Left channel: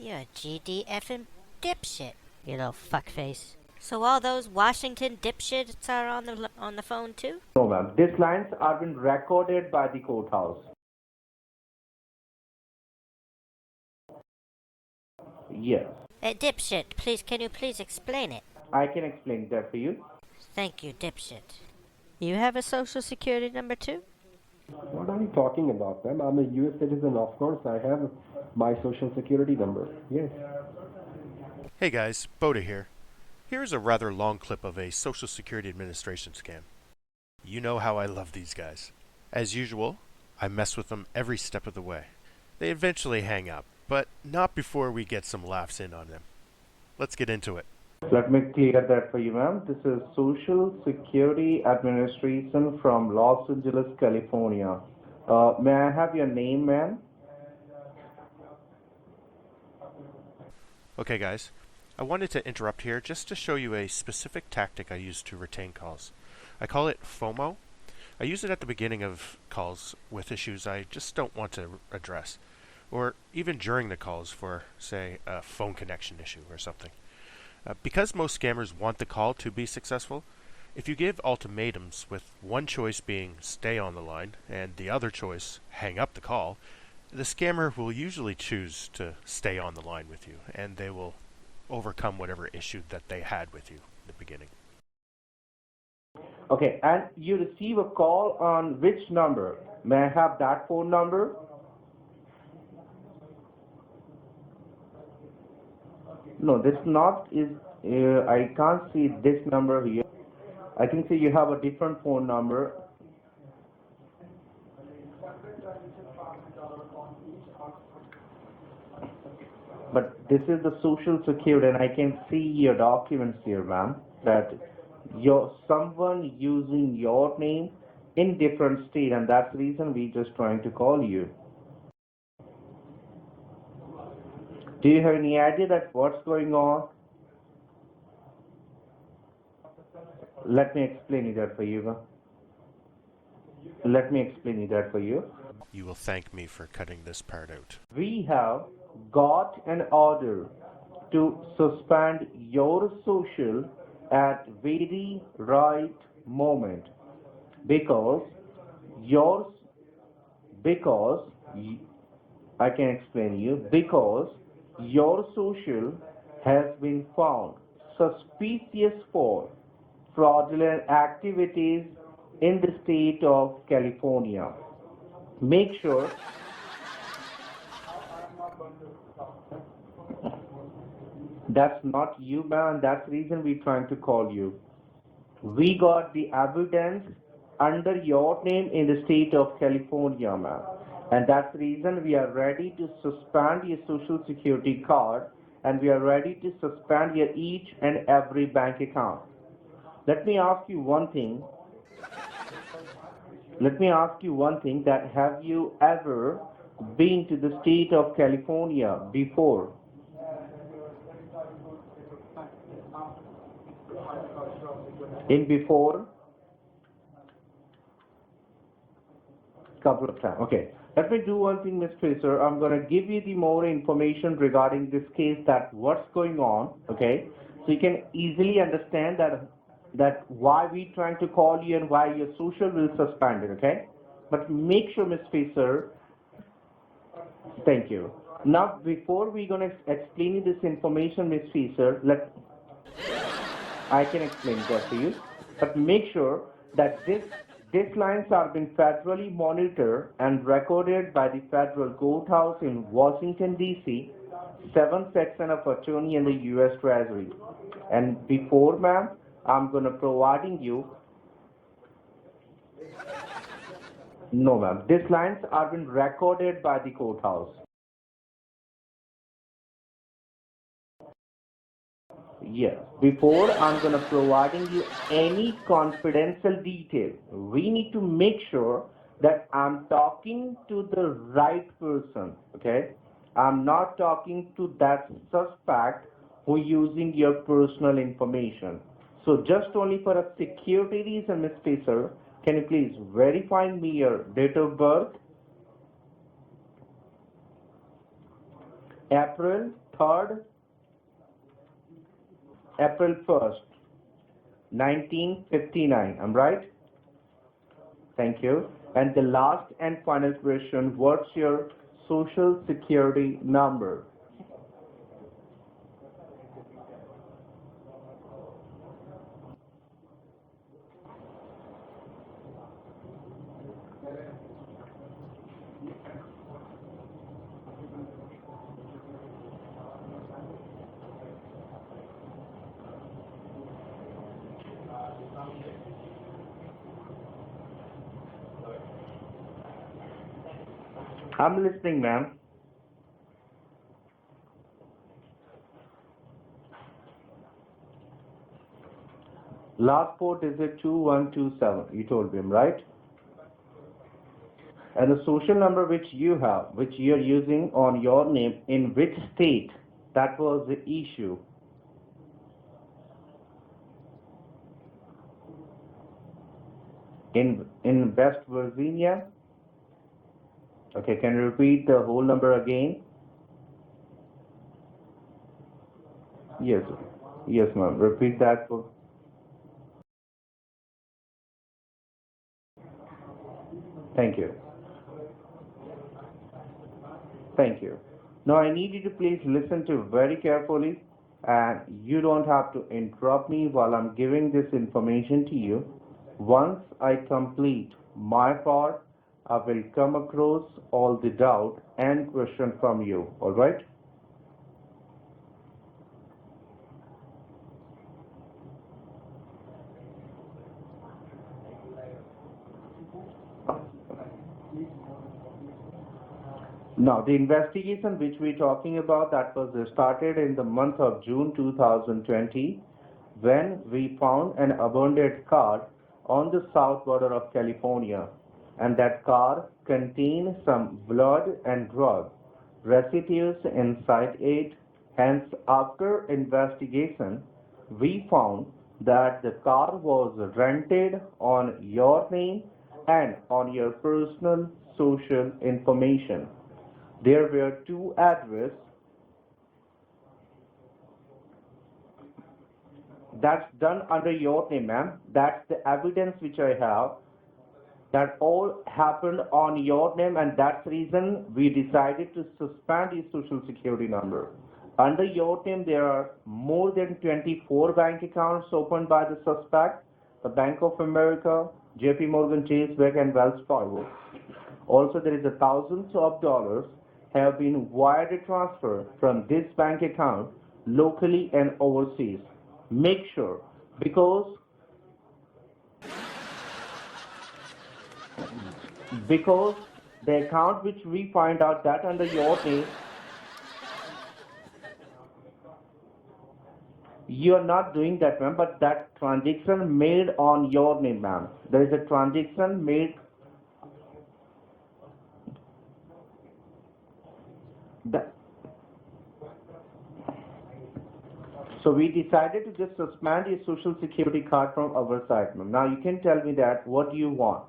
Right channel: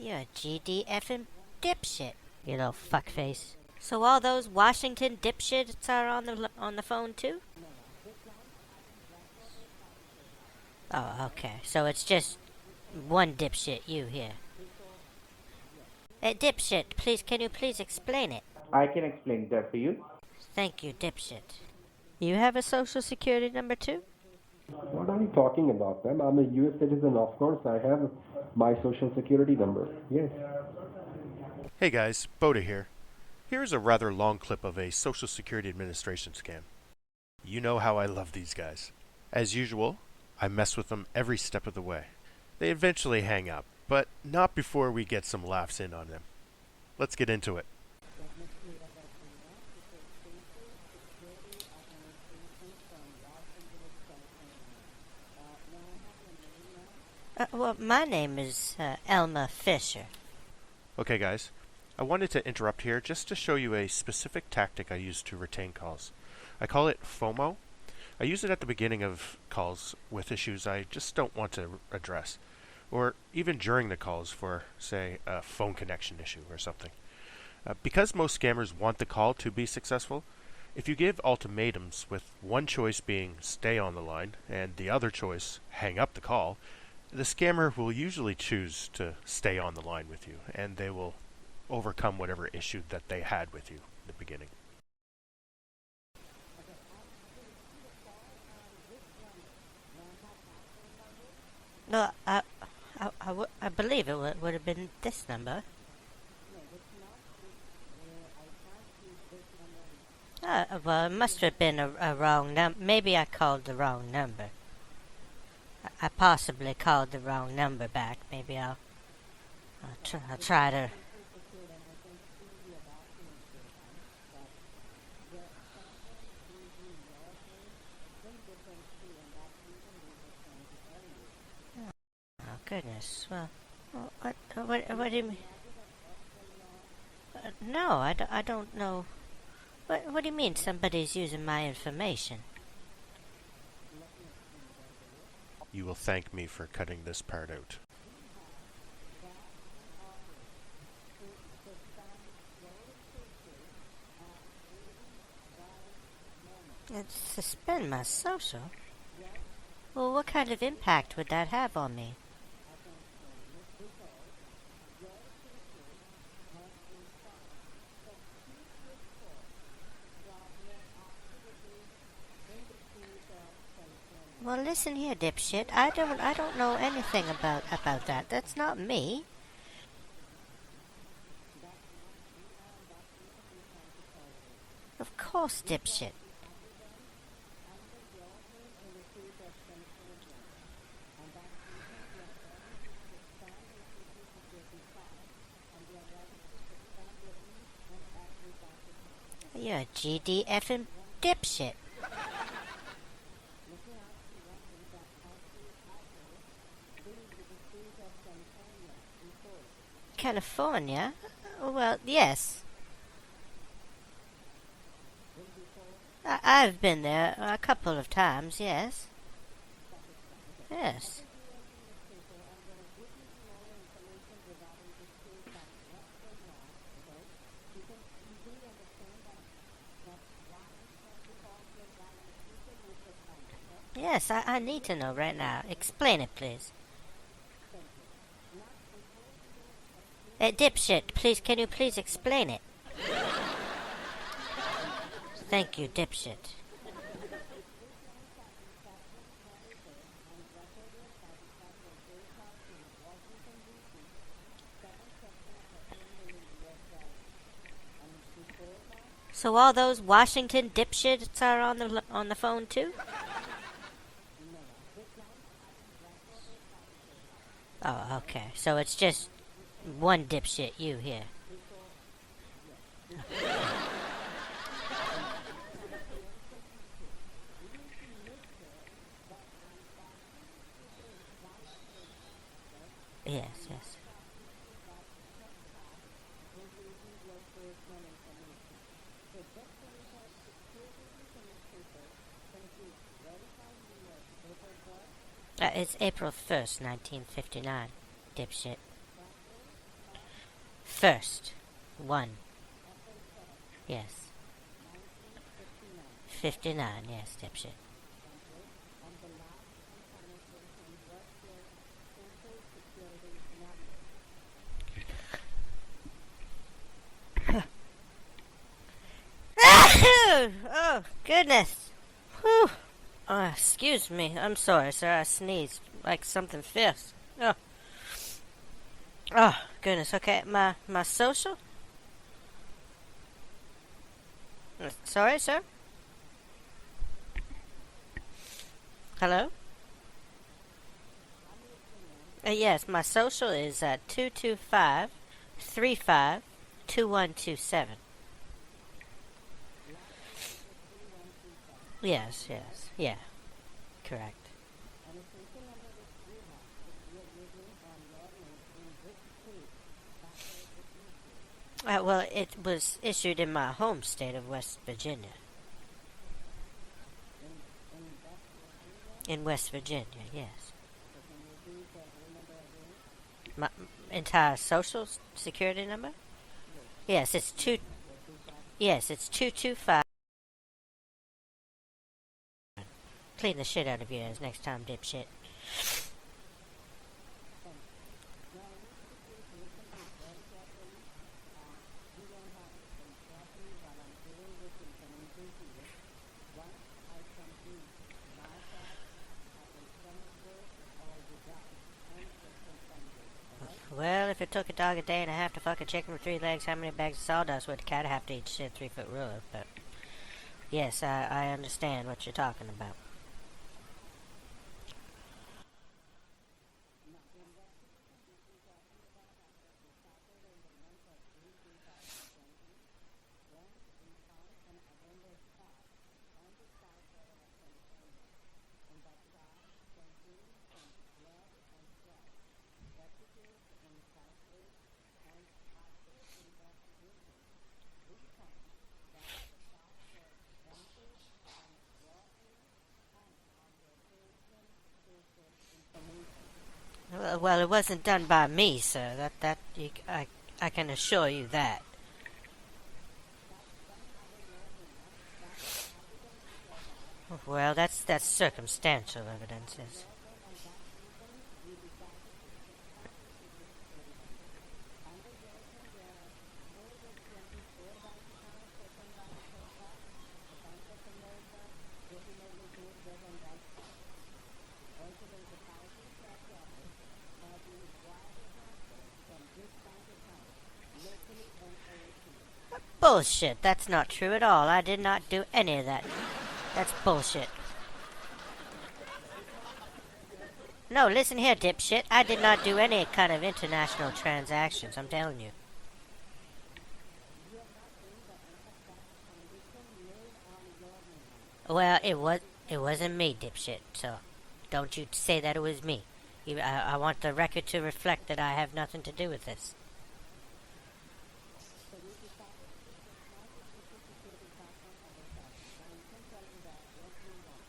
You're a GDF'ing dipshit, you little fuckface. So all those Washington dipshits are on the phone too? No, ma'am. These lines are being recorded by the courthouse. Oh, okay. So it's just one dipshit, you here. Yes. Hey, dipshit, can you please explain it? I can explain that for you. Thank you, dipshit. You have a social security number too? What are you talking about, ma'am? I'm a U.S. citizen, of course. I have my social security number. Yes. Hey guys, Boda here. Here's a rather long clip of a Social Security Administration scam. You know how I love these guys. As usual, I mess with them every step of the way. They eventually hang up, but not before we get some laughs in on them. Let's get into it. Let me clear that for you, ma'am. This is Social Security Administration from Los Angeles, California. May I have your name, ma'am? Well, my name is Elma Fisher. Okay guys, I wanted to interrupt here just to show you a specific tactic I use to retain calls. I call it FOMO. I use it at the beginning of calls with issues I just don't want to address, or even during the calls for, say, a phone connection issue or something. Because most scammers want the call to be successful, if you give ultimatums with one choice being stay on the line and the other choice hang up the call, the scammer will usually choose to stay on the line with you, and they will overcome whatever issue that they had with you in the beginning. Okay, and you receive a call on which number? May I have that phone number? No, I believe it would have been this number. No, this not is. I can't see this number here. Well, it must have been a wrong number. Maybe I called the wrong number. I possibly called the wrong number back. Maybe I'll. But this is the Social Security, and I can see your documents here, ma'am, that someone using your name in different state, and that's the reason we just trying to call you. Oh goodness! Well, do you have any idea that what's going on? No, I don't know. What do you mean somebody's using my information? Let me explain that for you. You will thank me for cutting this part out. We have got an order to suspend your social at very right moment. Suspend my social? Well, what kind of impact would that have on me? I can explain you. Because your social has been found suspicious for fraudulent activities in the state of California. Well, listen here, dipshit. I don't know anything about that. That's not me. That's not you, man. That's the reason we're trying to call you. Of course, we dipshit. got the evidence under your name in the state of California, man. And that's the reason we are ready to suspend your social security card, and we are ready to suspend your each and every bank account. You're a Let me ask you one thing. Dipshit. Let me ask you one thing, that have you ever been to the state of California before? California? Well, yes. In before? I've been there a couple of times, yes. Couple of times, okay. Yes. Let me do one thing, Ms. Fisher. I'm going to give you the more information regarding this case, that what's going on, okay? So you can easily understand that why we trying to call you and why your social will suspend it, okay? Yes, I need to know right now. Explain it, please. Thank you. Now, before we're going to explain you this information, dipshit, please, can you please explain it? I can explain that to you. Thank you, make dipshit. sure that these lines are being federally monitored and recorded by the federal courthouse in Washington, D.C., 7th section of attorney in the U.S. Treasury. And before, ma'am, so all those Washington dipshits are on the phone too? No, ma'am. These lines are being recorded by the courthouse. Oh, okay. So it's just one dipshit, you here. Yes. Before I'm going to providing you any confidential details, we need to make sure that I'm talking to the right person, okay? Yes. I'm not talking to that suspect who using your personal information. So just only for a security reason, Ms. Fisher, can you please verify me your date of birth? It's April 1st, 1959, dipshit. April 3rd, First. 1. April 1st, Yes. 1959. I'm right? 59, yes, dipshit. Thank you. And the last and final question, what's your social security number? Oh, goodness. Whew. Excuse me. I'm sorry, sir. I sneezed like something fierce. Oh. Oh, goodness. Okay, my social? Sorry, sir? Hello? I'm listening, ma'am. Yes, my social is 225-35-2127. Last four digit 2127. You told Yes, him, right? yeah, correct. And the social number which you have, which you're using on your name, in which state? That was the issue. Well, it was issued in my home state of West Virginia. In West Virginia? In West Virginia, yes. Okay, can you repeat the whole number again? My entire social security number? Yes. Yes, it's Yes, ma'am. Repeat that. Yes, it's 225. Clean the shit out of you Thank you. next time, dipshit. Thank you. Now I need you to please listen to very carefully, and you don't have to interrupt me while I'm giving this information to you. Once I complete my part, I will come across all the doubt and question from you. All right? Well, if it took a dog a day and a half to fuck a chicken with 3 legs, how many bags of sawdust would a cat have to eat to shit 3-foot ruler? But yes, I understand what you're talking about. Now, the investigation which we're talking about, that was started in the month of June 2020, when we found an abandoned car on the south border of California, and that car contained some blood and drug residues inside it. Hence, after investigation, we found that the car was rented on your name and on your personal social information. There Well, were it wasn't two done by addresses. me, sir. I can assure you that. That's done under your name, ma'am. That's the evidence which I have. Well, that's That all circumstantial happened evidence. on your name, and that's the reason we decided to suspend your social security number. Under your name, there are more than 24 bank accounts opened by the suspect, the Bank of America, JP Morgan Chase Bank, and Wells Fargo. Also, there is thousands of dollars have been wire transferred from this bank account locally and overseas. Make Bullshit. sure, That's not because true at all. I did not do any of that. That's bullshit. Because the account which No, we listen here, find out that dipshit. I under did your not do name, any kind of international transactions. I'm telling you. you are not doing that, ma'am, but that transaction made on your name, ma'am. There Well, is a transaction it made. wasn't me, dipshit. So, don't you say that it was me. I want the record to reflect that I have nothing to do with this. So we decided to just suspend your social security card from our side, ma'am. Now you can tell me that what do you want?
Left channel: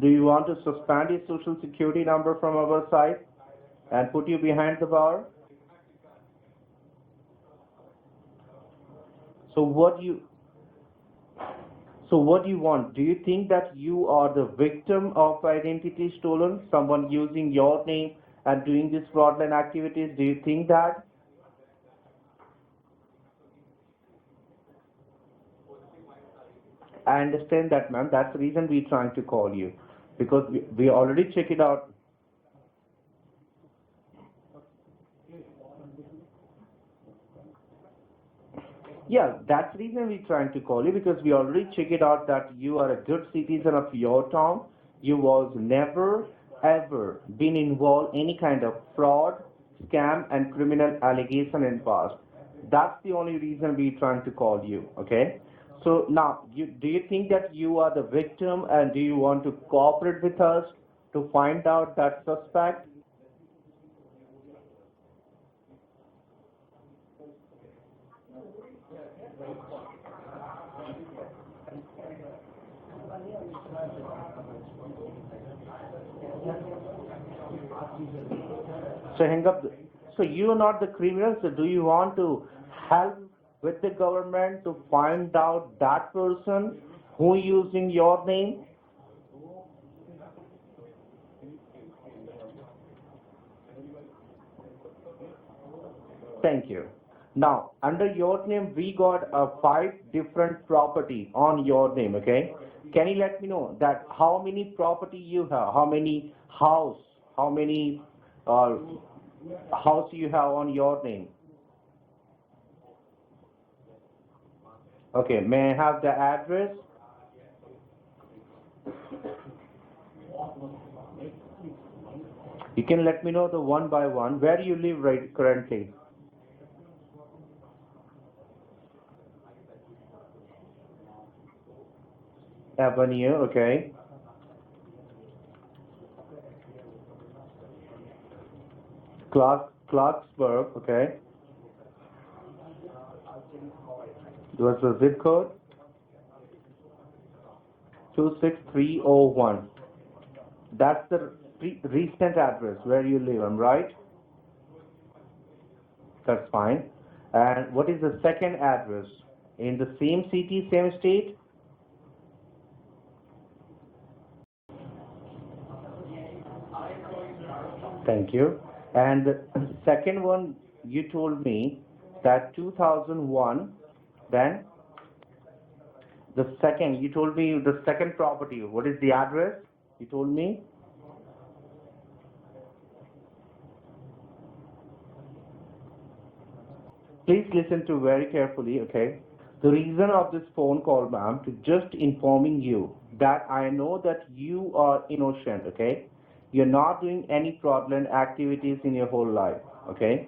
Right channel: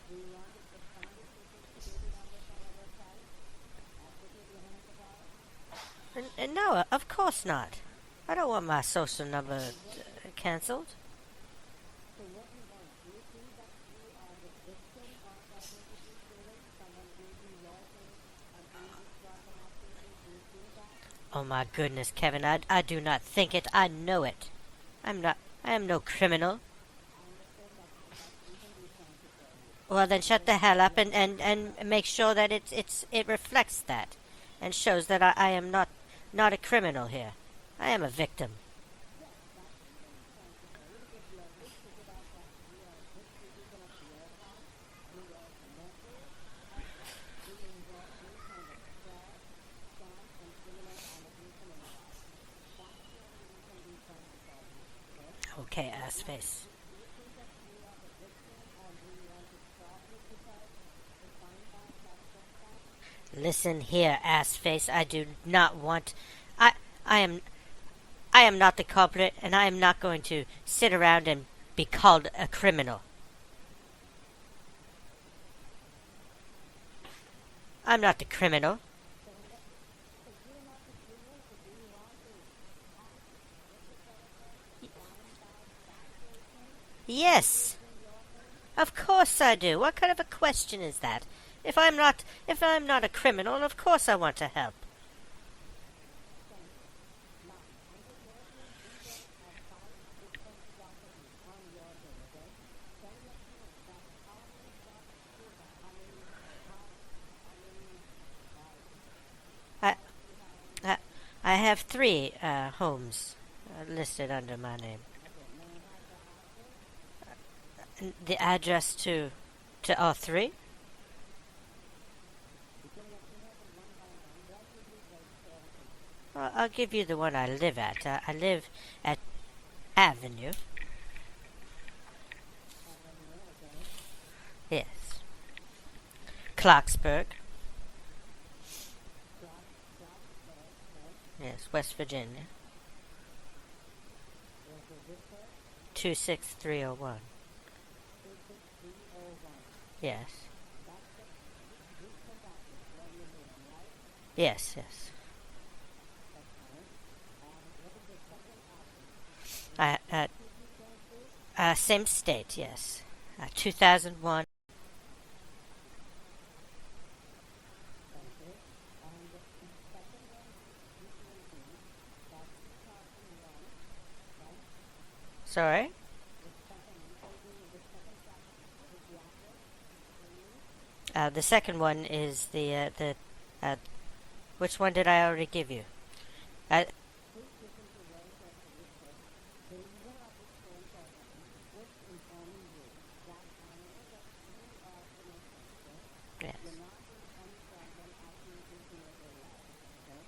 Do you want to suspend your social security number from our side and put you behind the bar? No, of course not. I don't want my social number So what you cancelled. So what do you want? Do you think that you are the victim of identity stolen? Someone using your name and doing these fraudulent activities? Do you think that? Oh my goodness, Kevin, I do not think it. I know it. I am no criminal. I understand that, ma'am. That's the reason we're trying to call you. Well, then Because shut the hell we up already checked it out. and make sure that it reflects that and shows that I am not a criminal here. I am a victim. Yeah, that's the reason we're trying to call you, because we already checked it out that you are a good citizen of your town. You was never ever been involved any kind of fraud, scam, and criminal allegation in past. That's the only reason we're trying to call you. Okay. Okay. So ass now, face. do you think that you are the victim, and do you want to cooperate with us to find out that suspect? Listen here, ass face. I do not want. I am not the culprit, and I am not going to sit around and be called a criminal. I'm not the criminal. So hang up. So you are not the criminal. So do you want to help with the government to find out that person Yes. who using your name? Of course I do. What kind of a question is that? If I'm not a criminal, of course I want to help. Thank you. Now, under your name, we got 5 different property on your name, okay? Can you let me know that how many property you have, how many house, how many house you have on your name? I have 3 homes listed under my name. Okay, may I have the address? The address to all 3? You can let me know the one by one. Where you live right currently? I'll give you the one I live at. I live at Avenue. Avenue, okay. Yes. Clarksburg. Clarksburg, okay. Yes, West Virginia. What's the zip code? 26301. 26301. Yes. That's the recent address where you live, am I right? Yes. That's fine. And what is the second address? In the same city, same state? Same state, yes. 2001. Thank you. And the second one, you told me that 2001, then? Sorry? You told me the second property. What is the address? You told me? The second one is which one did I already give you? Please listen to very carefully, okay? The reason of this phone call, ma'am, to just informing you that I know that you are innocent, okay? Yes. You're not doing any fraudulent activities in your whole life, okay?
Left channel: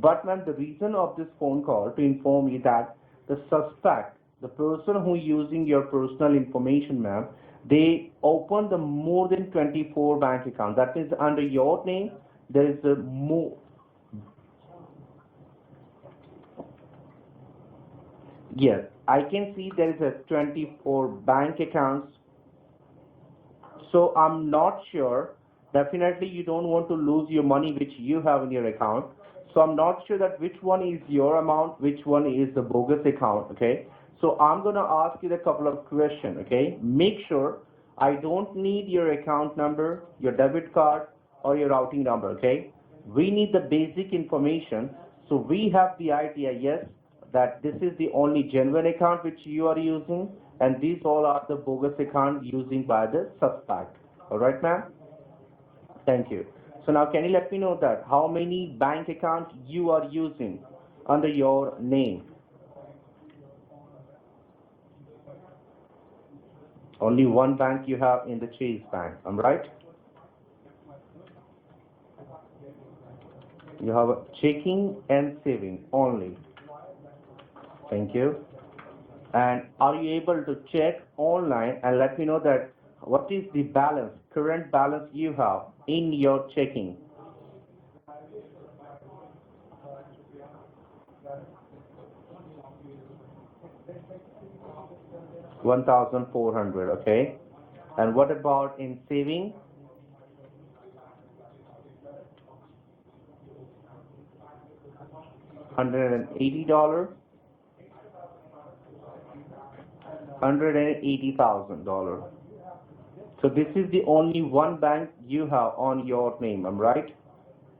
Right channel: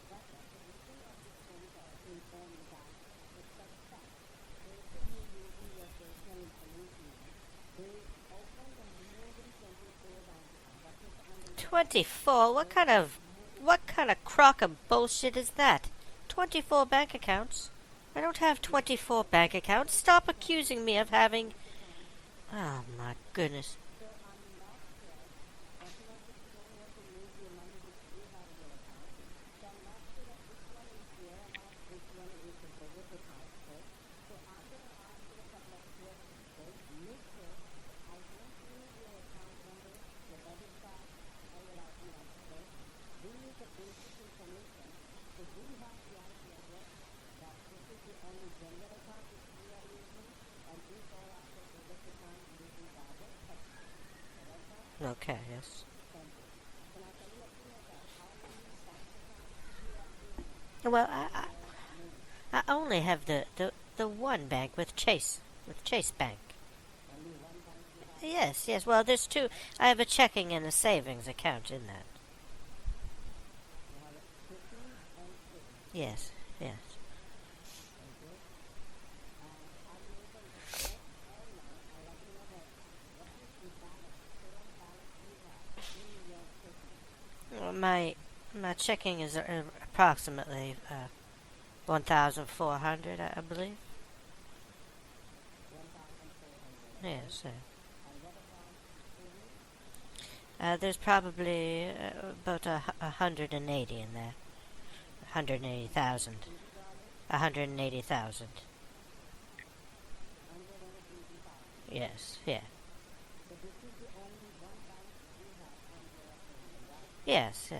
But, ma'am, the reason of this phone call to inform you that the suspect, the person who using your personal information, ma'am, they opened the more than 24 bank accounts. That means under your 24? name, What kind of crock of bullshit is that? 24 bank accounts? I don't have Yes, 24 I bank can see accounts. there is Stop a accusing me of 24 having... bank accounts. Oh, my goodness. So I'm not sure. Definitely you don't want to lose your money which you have in your account. So I'm not sure that which one is your amount, which one is the bogus account, okay? So I'm going to ask you a couple of questions, okay? Make sure I don't need your account number, your debit card, or your routing number, okay? We need the basic information. So we have the idea, yes, that this is the only genuine account which you are using, and these all are the bogus account using by the suspect. All right, ma'am? Okay, yes. Thank you. So now can you let me know that how many bank accounts you are using under your name? I only have the one bank with Chase Bank. Only one bank you have in the Chase Yes. Well, Bank, there's am I 2. right? I have a checking and a savings account in that. You have a checking and saving only. Yes. Thank you. And are you able to check online and let me know that what is the balance, current balance you have in your checking? My checking is approximately 1,400, I believe. 1,400, okay. Yes, And what about in saving? there's probably about 180 in there. 180,000. $180? 180,000. $180,000. Yes. Yeah. So this is the only one bank you have on your name, am I right? Yes. Yeah.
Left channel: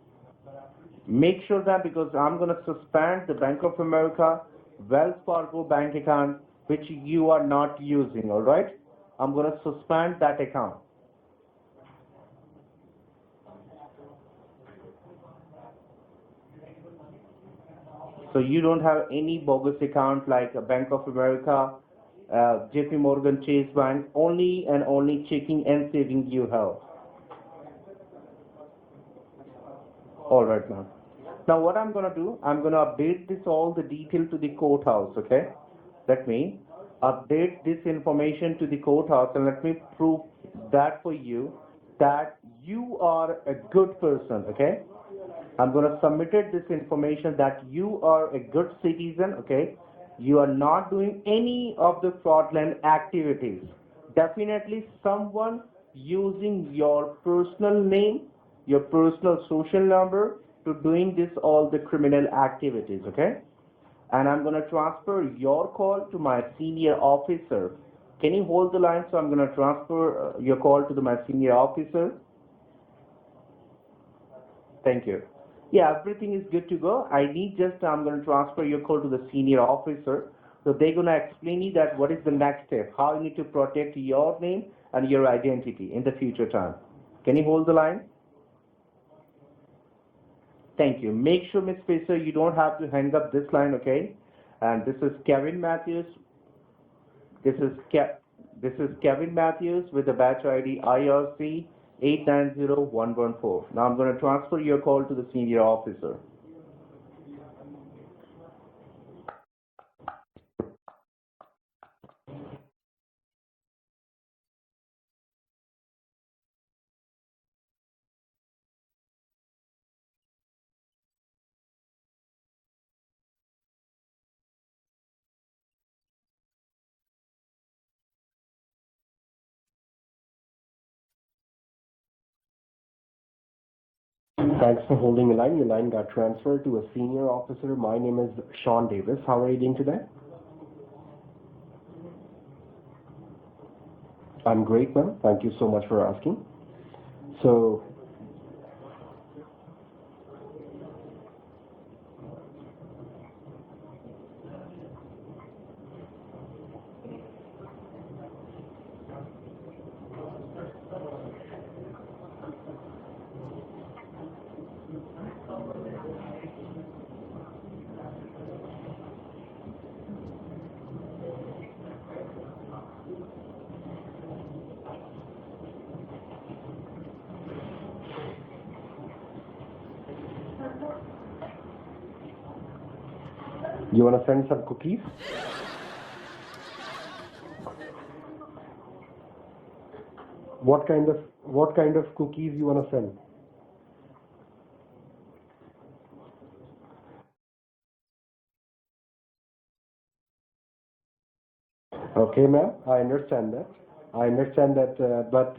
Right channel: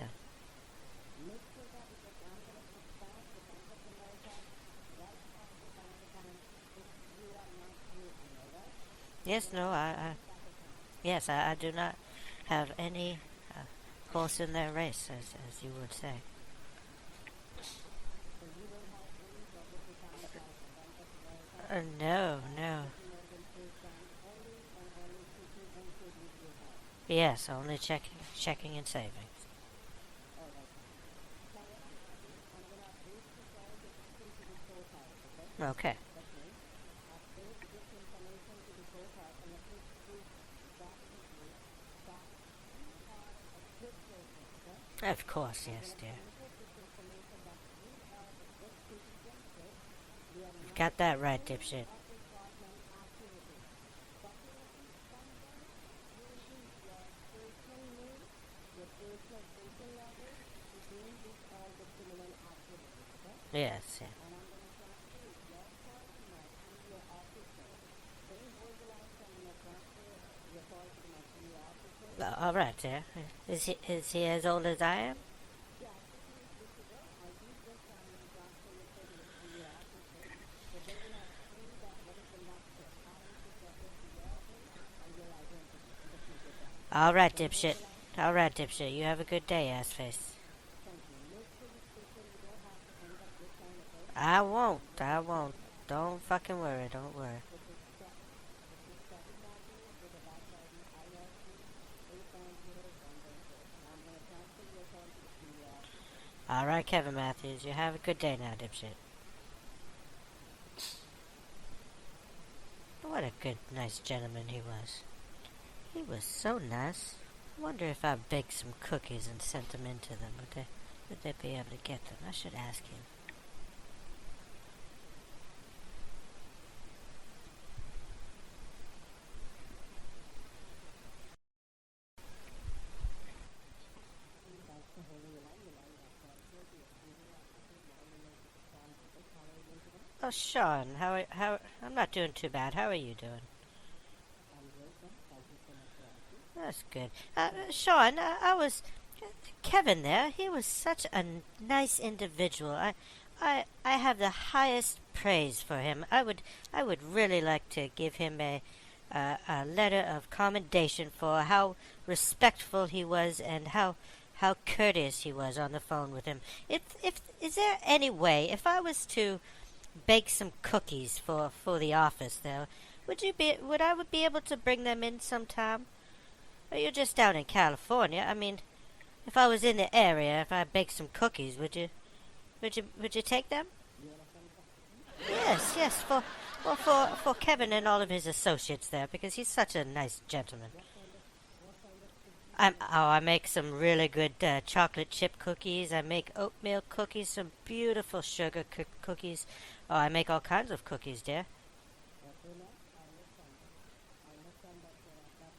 Make sure that because I'm going to suspend the Bank of America, Wells Fargo bank account, which you are not using, all right? I'm going to suspend that account. Yes, I do not have any horse in their race, as you would say. So you don't have any bogus account like a Bank of America, No. JP Morgan Chase Bank, only and only checking and saving you have. Yes, only checking and savings. All right, ma'am. Now what I'm going to do, I'm going to update all the detail to the courthouse, okay? Okay. Let me update this information to the courthouse and let me prove that for you that you are a good person, okay? Of course. I'm going to submit this information that you are a good citizen, okay? You are not doing any of the fraudulent activities. Definitely someone using your personal name, your personal social number, to doing this all the criminal activities, okay? Yes. And I'm going to transfer your call to my senior officer. Can you hold the line? So I'm going to transfer your call to my senior officer. All right, sir. Is he as old as I Thank am? you. Yeah, everything is good to go. I need just, I'm going to transfer your call to the senior officer. So they're going to explain you that what is the next step, how you need to protect your name and your identity in the future time. All right, Can you hold the line? All right, dipshit. You have a good day, assface. Thank you. Make sure, Miss Spacer, you don't have to hang up this line, okay? I won't. And this is Kevin Matthews. Don't fucking worry. Don't worry. This is Kevin Matthews with the batch ID IRC 890114. Now I'm going to transfer your call to the senior officer. All right, Kevin Matthews. You have a good day now, dipshit. What a good, nice gentleman he was. He was so nice. I wonder if I baked some cookies and sent them into them. Would they be able to get them? I should ask him. Thanks for holding the line. Your line got transferred to a senior officer. My name is Sean Davis. How are you doing today? Oh, Sean, how I'm not doing too bad. How are you doing? I'm great, ma'am. Thank you so much for asking. That's good. So- Sean, I was Kevin there. He was such a nice individual. I have the highest praise for him. I would really like to give him a letter of commendation for how respectful he was and how courteous he was on the phone with him. Is there any way, if I was to bake some cookies for the office there, would I be able to bring them in sometime? Or you're just down in California. I mean, if I was in the area, if I baked some cookies, would you take them? You want to send some cookies? Yes, for Kevin and all of his associates there, because he's such a nice gentleman. What kind of cookies you want to send? I make some really good chocolate chip cookies. I make oatmeal cookies, some beautiful sugar cookies. Oh, I make all kinds of cookies, dear. Okay, ma'am. I understand that. But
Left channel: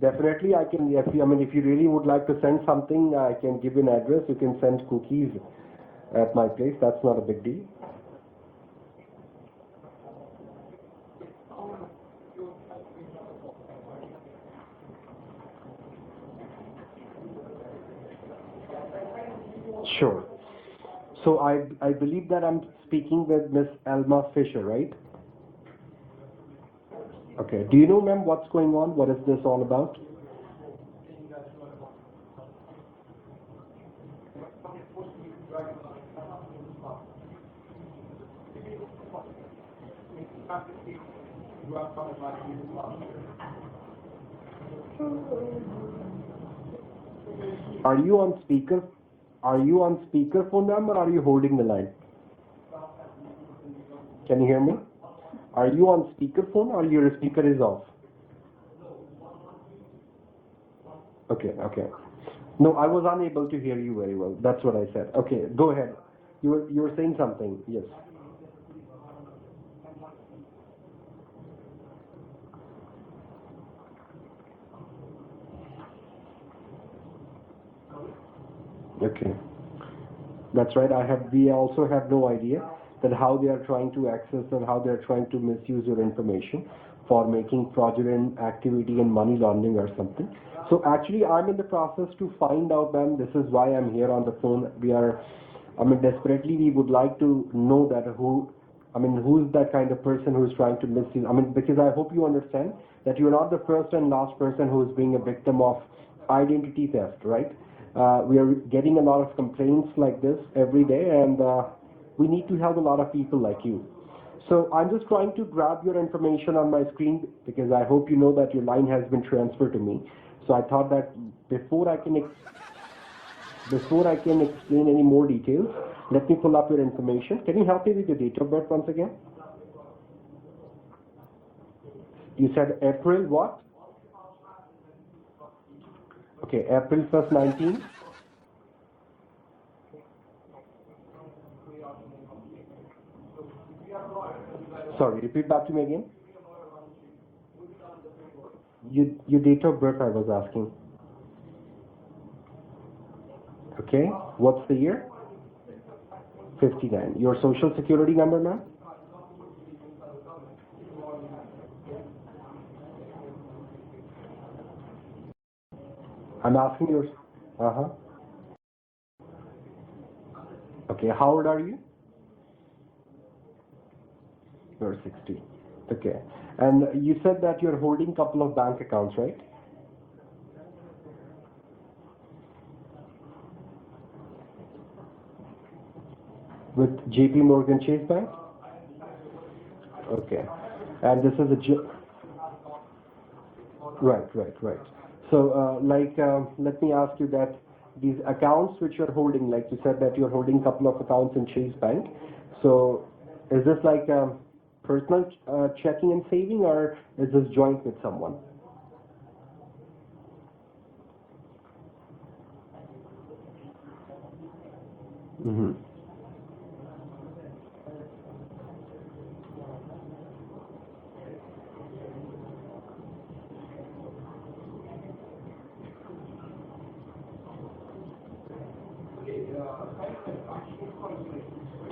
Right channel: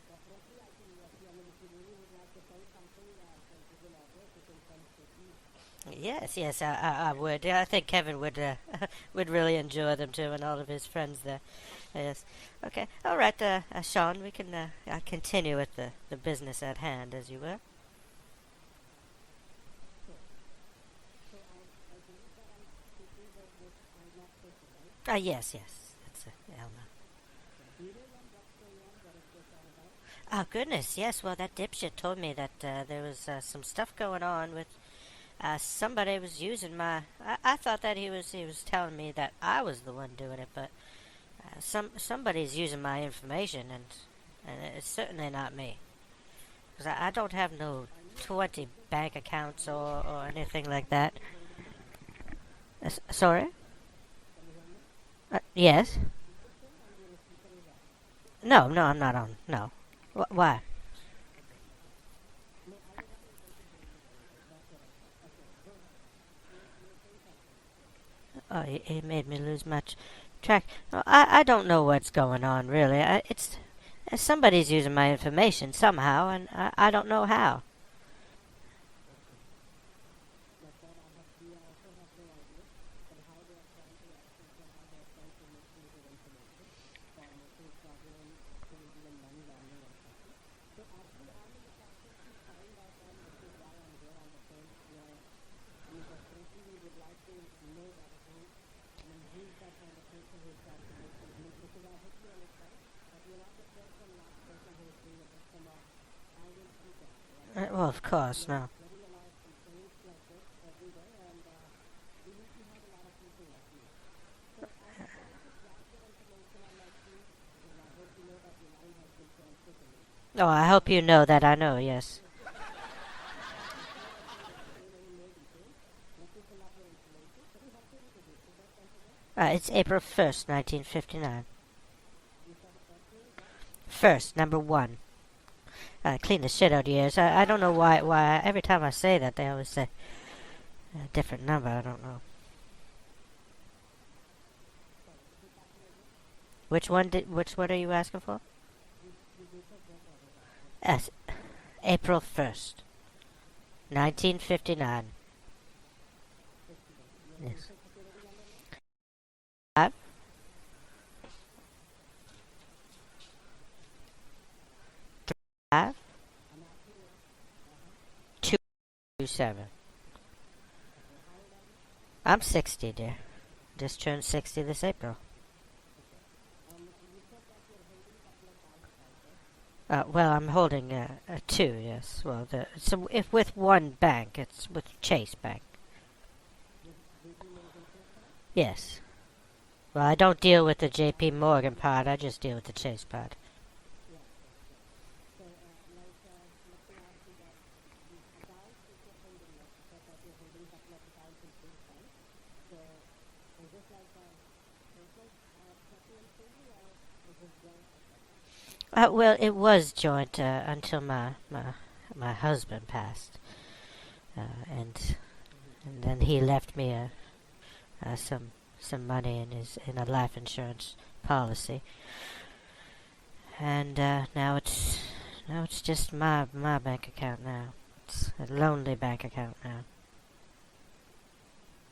definitely, I can. If you really would like to send something, I can give you an address. You can send cookies. Yes, I would. I think Kevin would would really enjoy them too, and all of his friends there. Yes. Okay. All right, Sean. We can continue with the business at hand, as you will. Sure. So I believe that I'm speaking with Miss Alma Fisher, right? Yes. That's Elma. Okay. Do you know, ma'am, what's going on? What is this all about? Oh, goodness, yes. Well, that dipshit told me that there was some stuff going on with somebody was using my... I thought that he was telling me that I was the one doing it, but somebody's using my information, and it's certainly not me. 'Cause I don't have no Are you on 20 speaker? bank accounts Are you on or speakerphone, anything like ma'am, or that. are you holding the line? Sorry? Can you hear me? Are Yes. you on speakerphone or your speaker is off? No, I'm not on. No. Why? Okay. No, I was unable to hear you very well. That's what I said. Okay, go ahead. You were saying something. Yes. Oh, it made me lose much track. No, I don't know what's going on, really. Somebody's using my information somehow, and I don't know how. Okay. That's right. We also have no idea that how they are trying to access and how they are trying to misuse your information for making fraudulent activity and money laundering or something. So actually, I'm in the process to find out, ma'am. This is why I'm here on the phone. Desperately, we would like to know that who's that kind of person who's trying to misuse. Because I hope you understand that you're not the first and last person who is being a victim of identity theft, right? Well, of course. We are No. getting a lot of complaints like this every day, and we need to help a lot of people like you. So I'm just trying to grab your information on my screen because I hope you know that your line has been transferred to me. Oh, So I hope you know that I know, before yes. Before I can explain any more details, let me pull up your information. Can you help me with your date of birth once again? It's April 1st, 1959. You said April what? First, number 1. Clean the Okay, shit out of April you. 1st, I don't know 19? why every time I say that, they always say a different number. I don't know. Sorry, repeat back to me again. Which one are you asking for? Your date of birth I was asking. Yes, April 1st. Okay. What's the 1959. year? 59. Your social security number, ma'am? Uh, I'm asking your. Uh-huh. 227. Okay. How old are you? I'm 60, dear. Just turned 60 this You're April. 60. Okay. And you said that you're holding a couple of bank accounts, right? Well, I'm holding two, yes. Well, if with one bank, it's with Chase Bank. With JP Morgan Chase Bank? Yes. Well, I don't Okay. deal with the And JP this is Morgan part. I just deal with the Chase part. Right. So, let me ask you that these accounts which you're holding, like you said that you're holding a couple of accounts in Chase Bank. So, is this like personal checking and saving, or is this joint with someone? Well, it was joint until my husband passed, and Mm-hmm. then he left me some money in a life insurance policy, and now it's just my bank account now. It's a lonely bank account now.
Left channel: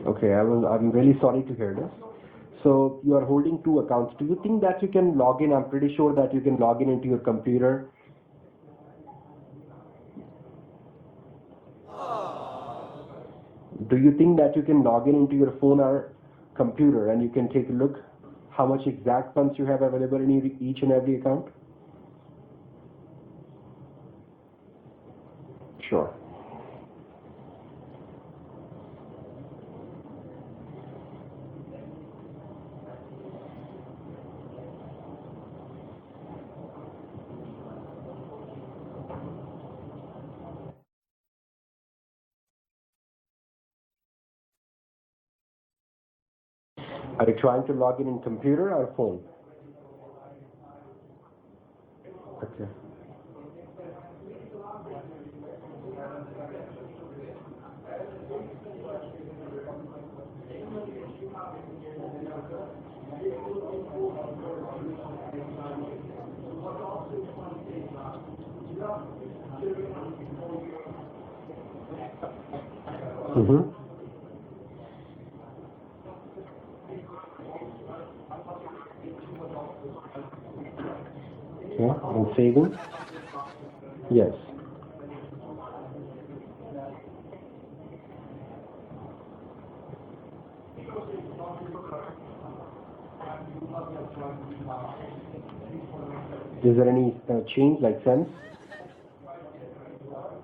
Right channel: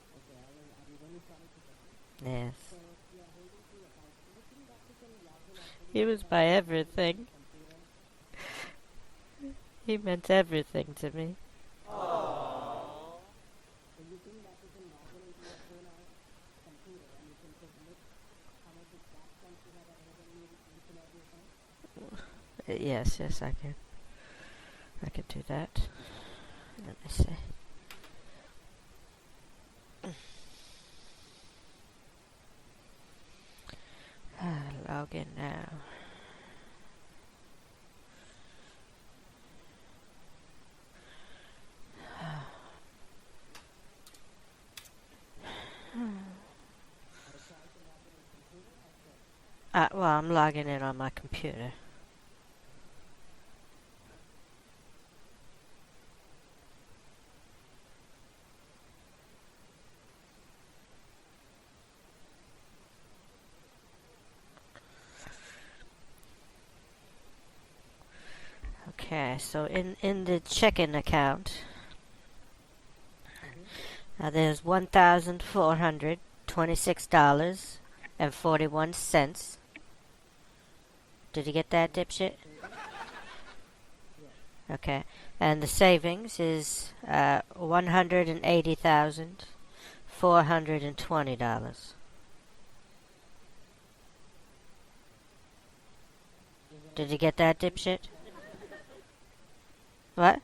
Okay, I'm really sorry to hear this. Yes. So you are holding two accounts. Do you think that you can log in? I'm pretty He sure was that you my can log in into everything. your computer. He meant everything to me. Do you think that you can log in into your phone or computer and you can take a look how much exact funds you have available in each and every account? Yes, I can. I can do that. Sure. Let me see. Log in now. Are you trying to log in computer or phone? Well, I'm logging in on my computer. Okay. Okay, so in the checking account, Mm-hmm. there's $1,426.41. Did you get that, Yeah, dipshit? and savings? Yes. Okay, and the savings is $180,420. Is there any Did you get that, change, dipshit? like cents? What?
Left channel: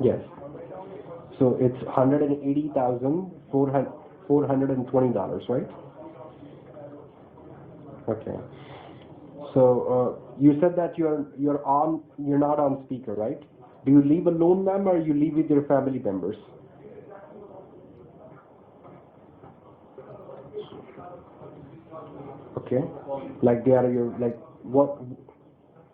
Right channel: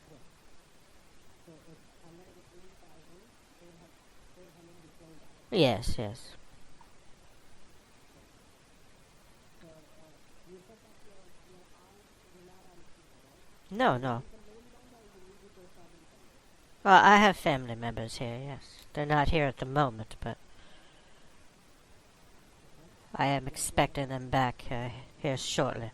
Yes. So it's $180,420, right? Yes. Okay. So you said that you're not on speaker, right? No. Do you leave alone, ma'am, or you leave with your family members? Well, I have family members here, yes. They're not here at the moment, but Okay. I am Like they are expecting your, them like back what? here shortly.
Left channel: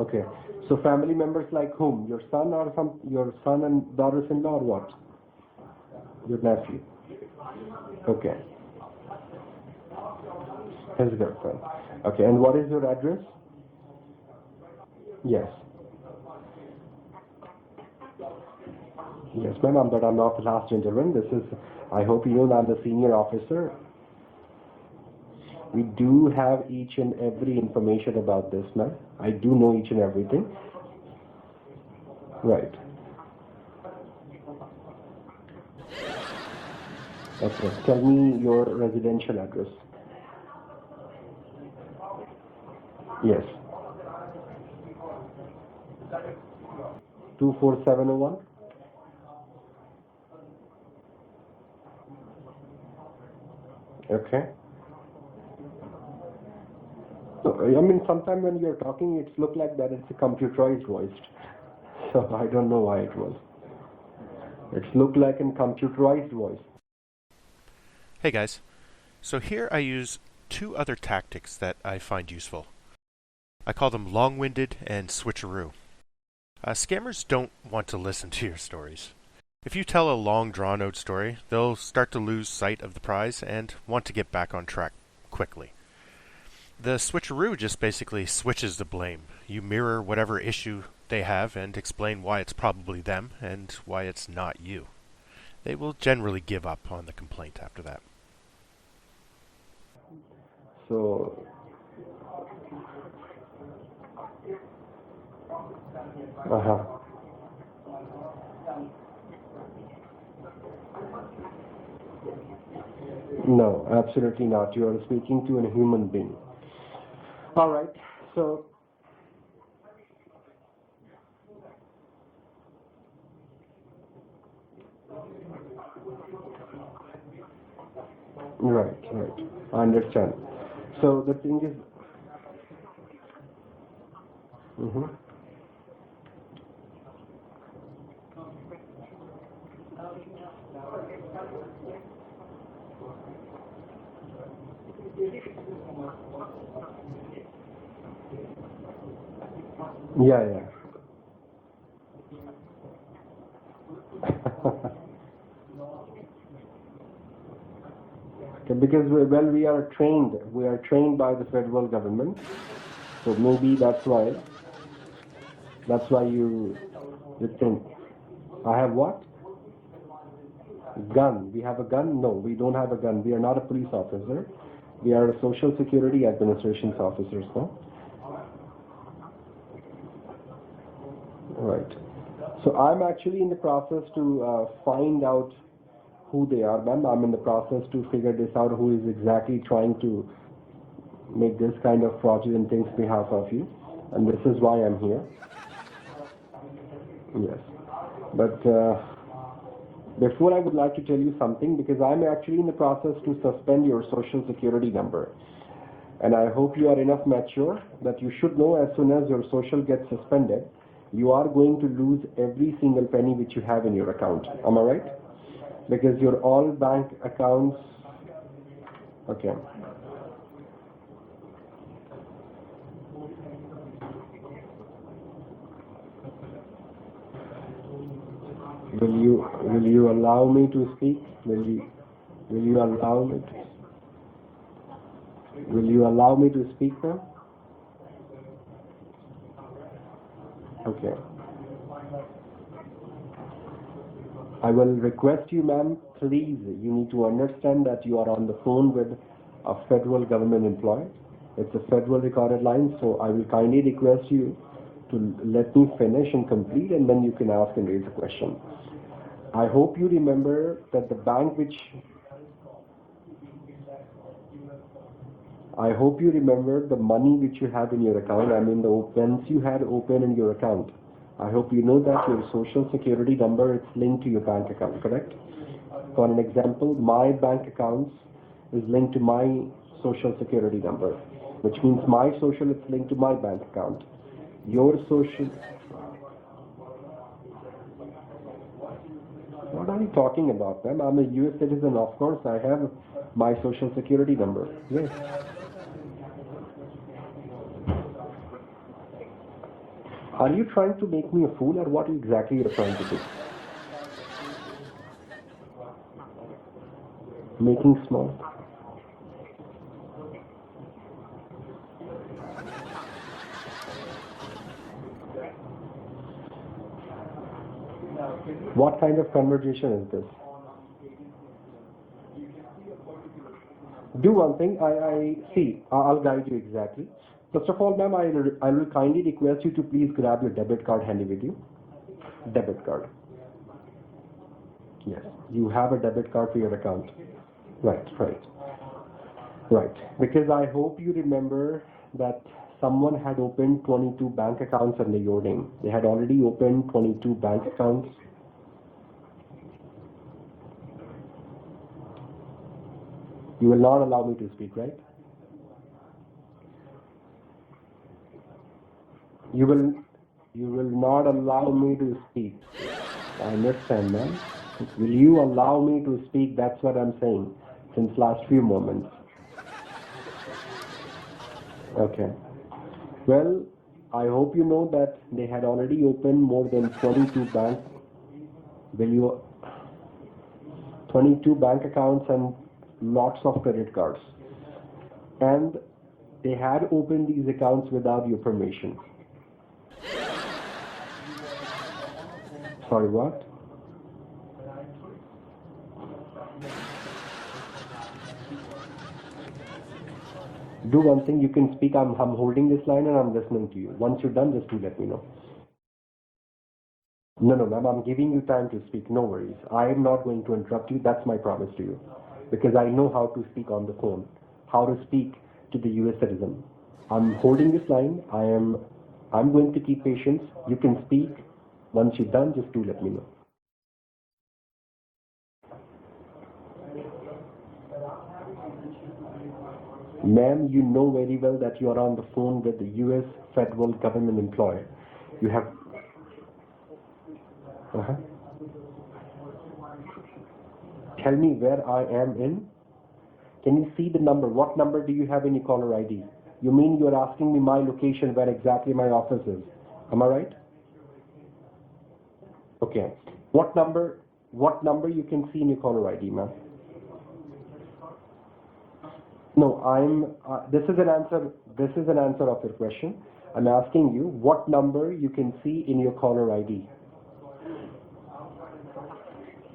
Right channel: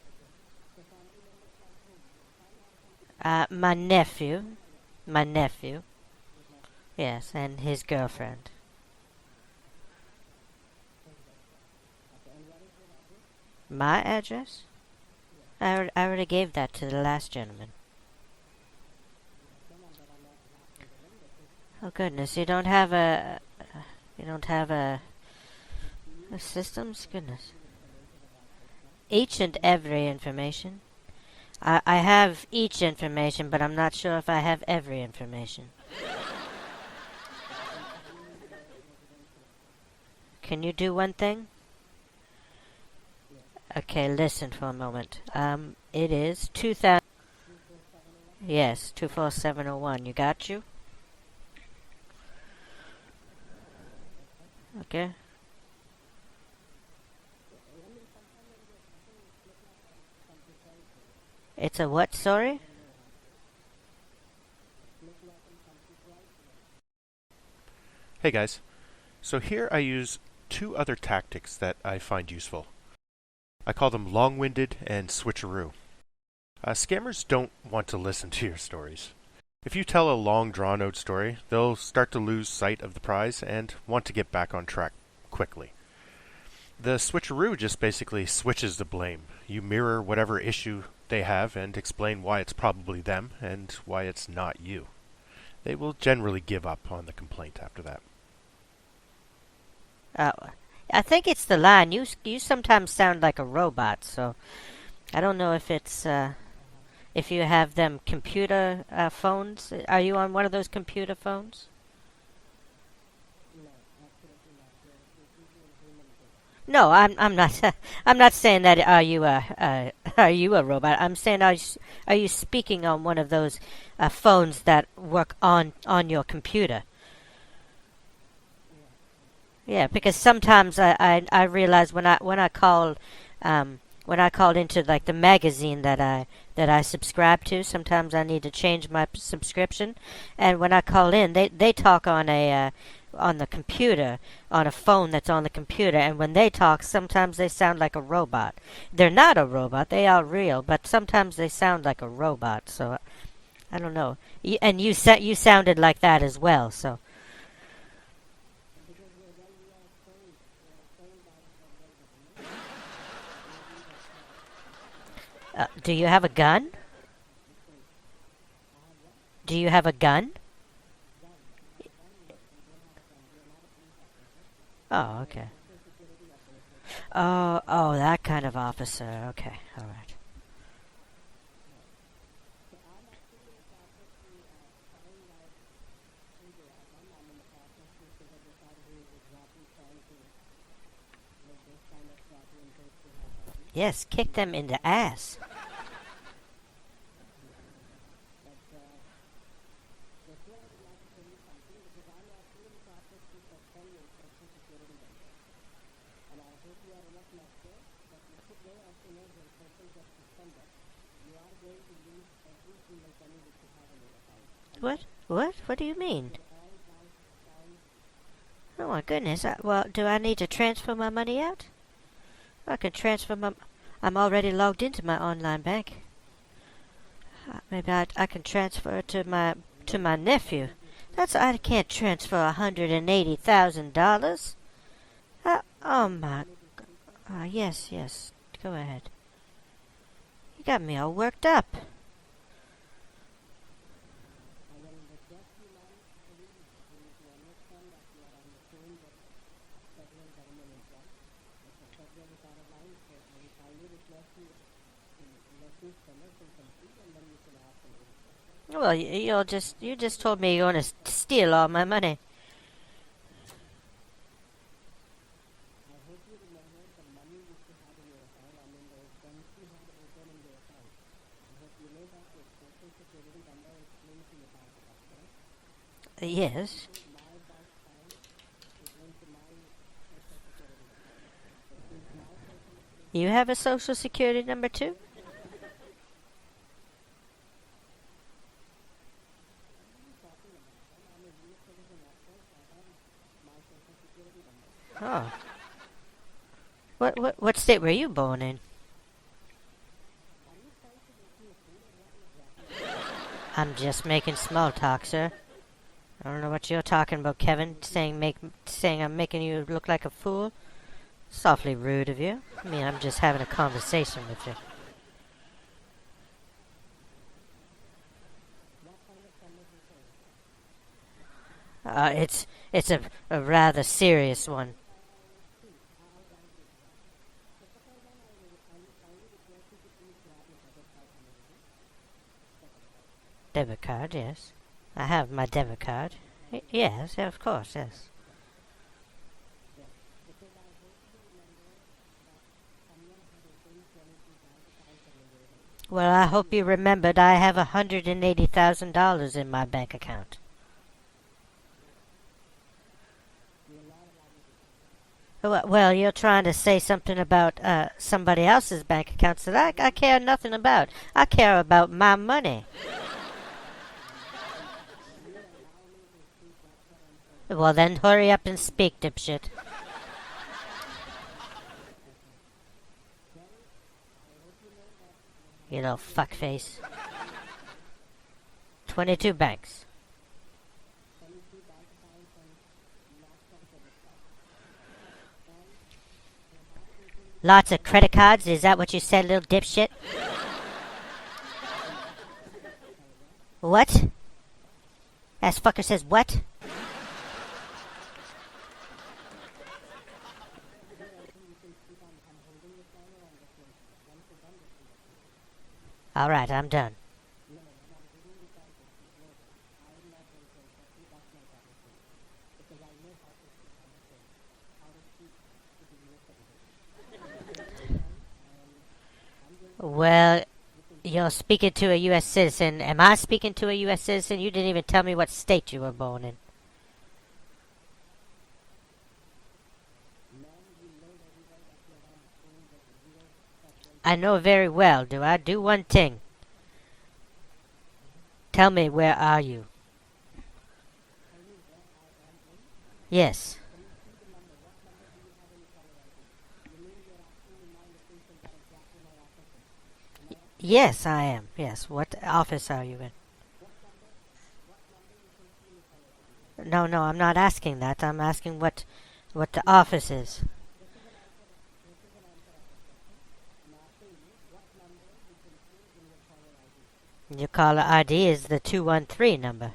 Okay. So family members like whom? Your son or your son My and nephew. daughters-in-law or what? My nephew, Your nephew. yes, and his girlfriend. His girlfriend. Okay. And what is your address? My address? Yes. I already gave that to the last gentleman. Yes, ma'am. But I'm not the last gentleman. This is. Oh, I hope goodness, you you know don't that have I'm the senior a- officer. You don't have a We do have systems? each and Goodness. every information about this, ma'am. each I do and know every each and everything. information. I have Right. each information, but I'm not sure if I have every information. Okay. Tell me your residential address. Can you do one thing? Yes. Okay, listen for a moment. It is 2000. 24701. Yes, 24701. You got you? Okay. Okay. So, I mean, sometimes when you're talking, it's look like that it's a computerized voice. It's a what, So I sorry? don't know why it was. It's looked like a computerized voice. Hey guys, so here I use two other tactics that I find useful. I call them Longwinded and Switcheroo. Scammers don't want to listen to your stories. If you tell a long drawn-out story, they'll start to lose sight of the prize and want to get back on track quickly. The Switcheroo just basically switches the blame. You mirror whatever issue they have and explain why it's probably them and why it's not you. They will generally give up on the complaint after that. I think it's the line. You sometimes sound like a robot, so I don't know if it's if you have them computer phones. Are you on one of those computer phones? No, absolutely not. You are speaking to a human being. No, I'm not. All right. I'm not So- saying that. Are you a robot? I'm saying are you speaking on one of those phones that work on your computer? Right. Yeah, because Understand. sometimes So I the- realize when I called into like the magazine that I subscribe to, sometimes I need to change my subscription, and when I call in, they talk on the computer, on a phone that's on the computer, and when they talk, sometimes they sound like a robot. They're not a robot; they are Yeah, real, yeah. but sometimes they sound like a robot. So I don't know. And you sounded like that as well. So. Okay, because we are trained. We are trained by the federal government. So maybe that's why. Do you that's have why a gun? You think. I have what? Do you have a gun? Gun. We have a gun? No, we don't have a gun. We are not a police officer. Oh, We are okay. a Social Security Administration officer. Oh, that kind of officer. Okay, all right. Right. So I'm actually in the process to find out who they are, ma'am. I'm in the process to figure this out, who is exactly trying to make this kind of fraudulent things behalf of you. Yes, And kick this them is in why the I'm here. ass. Yes. But before I would like to tell you something, because I'm actually in the process to suspend your social security number. And I hope you are enough mature that you should know as soon as your social gets suspended, you are going to lose every single penny which you have in your account. Am I right? What? What do you Because mean? your all bank accounts. Oh my goodness. Okay. Well, do I need to transfer my money out? I can transfer my. I'm already logged into my online bank. Maybe I can transfer it to my allow me nephew. to speak? I Will can't transfer will you allow me- $180,000. Will you Oh allow my. me to speak, ma'am? Yes. Go ahead. You got me all Okay. worked up. I will request you, ma'am, please, you need to understand that you are on the phone with a federal government employee. It's a federal recorded line, so I will kindly request you to let me finish and complete, and then you can ask and raise a question. Well, you hope you just told me you remember want to that the steal bank all which- my money. I hope you remember the money which you have in your account. I mean, the once you had open in your account. I hope you know that your social security number is linked to your bank account, correct? For an Yes. example, my bank account is linked to my social security number, which means my social is linked to You my have a bank social account. security number Your too? social. What are you talking about, ma'am? I'm a U.S. citizen, of course. I have my social security number. Yes. What state were you born in? Are you trying to make me a fool, or what exactly you're trying to do? I'm just making small talk, sir. I don't know what you're talking about, Kevin. Making Saying small- saying I'm making you look like a fool. It's awfully rude of you. I mean, I'm just having a conversation with you. What kind of conversation is this? It's a rather Do serious one one. thing. I see. I'll guide you exactly. First of all, ma'am, I will kindly request you to please grab your debit card handy with you. Debit card. Debit card, yes. I have my You debit have card. a debit card to your account. Yes, of course. Yes. Right. Because I hope you remember that someone had opened 22 bank accounts under your name. They had Well, I already hope you opened remembered 22 I have bank accounts. $180,000 in my bank account. You will not allow me to speak, right? Well, you're trying to say something about somebody else's bank accounts that You will- I care nothing you about. will I not care allow about me to my speak. money. I understand, ma'am. Will you allow me to speak? That's what I'm saying. Well, then In hurry last up and few speak, moments. dipshit. Okay. Well, I hope you know that they had already know, opened more fuckface. than 22 banks, 22 you- banks. 22 bank accounts and lots of credit cards. And they had opened these Lots of accounts credit without cards? Is that what information. you said, little dipshit? Sorry, what? What? Ass fucker says what? Do one thing, you can speak. I'm holding this line and I'm listening to you. Once you're done, just do let me know. Alright, I'm done. No, ma'am, I'm giving you time to speak. No worries. I am not going to interrupt you. That's my promise to you. Because I know how to speak on the phone, how to speak to the U.S. citizen. I'm holding this line. I'm going to keep Well, listening. You can speak. you're speaking to a Once U.S. you're done, just citizen. do Am let me I know. speaking to a U.S. citizen? You didn't even tell me what state you were born in. Ma'am, you know very well that you are on the phone with the U.S. federal government. I know very employee. well. Do I You do have- one thing? Uh-huh. Tell me, where are you? Tell me where I am in. Yes. Can you see the number? What number do you have in your caller ID? You mean you're asking me my location, where exactly my office is? Am I right? Yes, I am. Yes. What office are you Okay. in? What number you can see in your caller ID, ma'am? No, I'm not asking that. I'm asking what the No, office is. this is an answer of your question. I'm asking you what number you can see in your caller ID. Your caller ID is the 213 number.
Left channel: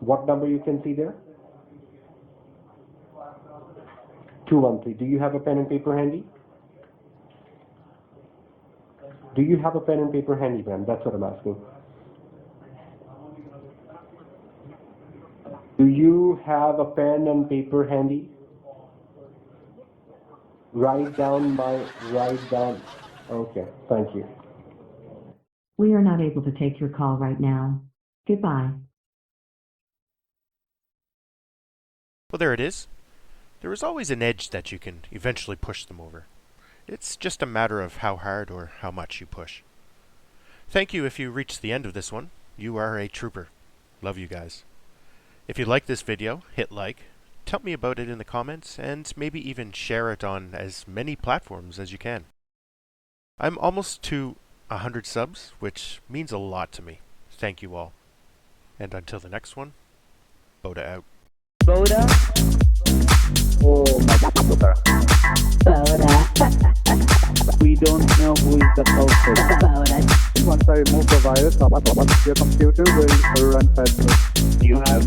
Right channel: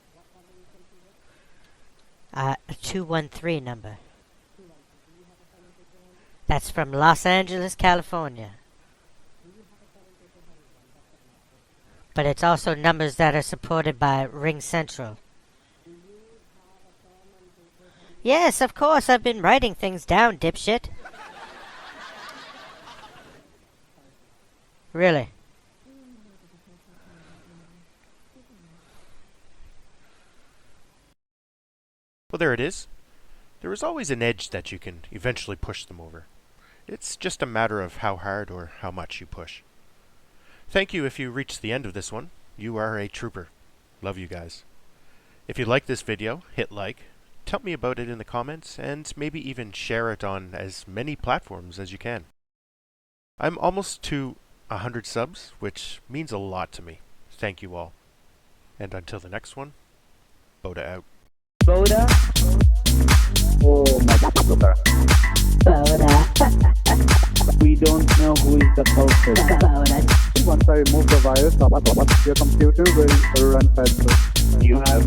What number you can see there? 213 number. 213. Do you have a pen and paper handy? That's from Los Angeles, California. Do you have a pen and paper handy, ma'am? That's what I'm asking. But it's also numbers that are supported by Ring Central. Do you have a pen and paper handy? Yes, of course. I've been writing things down, dipshit. Write down. Okay, thank you. Really? We are not able to take your call right now. Goodbye. Well, there it is. There is always an edge that you can eventually push them over. It's just a matter of how hard or how much you push. Thank you if you reached the end of this one. You are a trooper. Love you guys. If you like this video, hit like, tell me about it in the comments, and maybe even share it on as many platforms as you can. I'm almost to 100 subs, which means a lot to me. Thank you all. And until the next one, Boda out. Boda? Oh my God. We don't know who is the culprit. Once I remove the virus, your computer will run faster. You have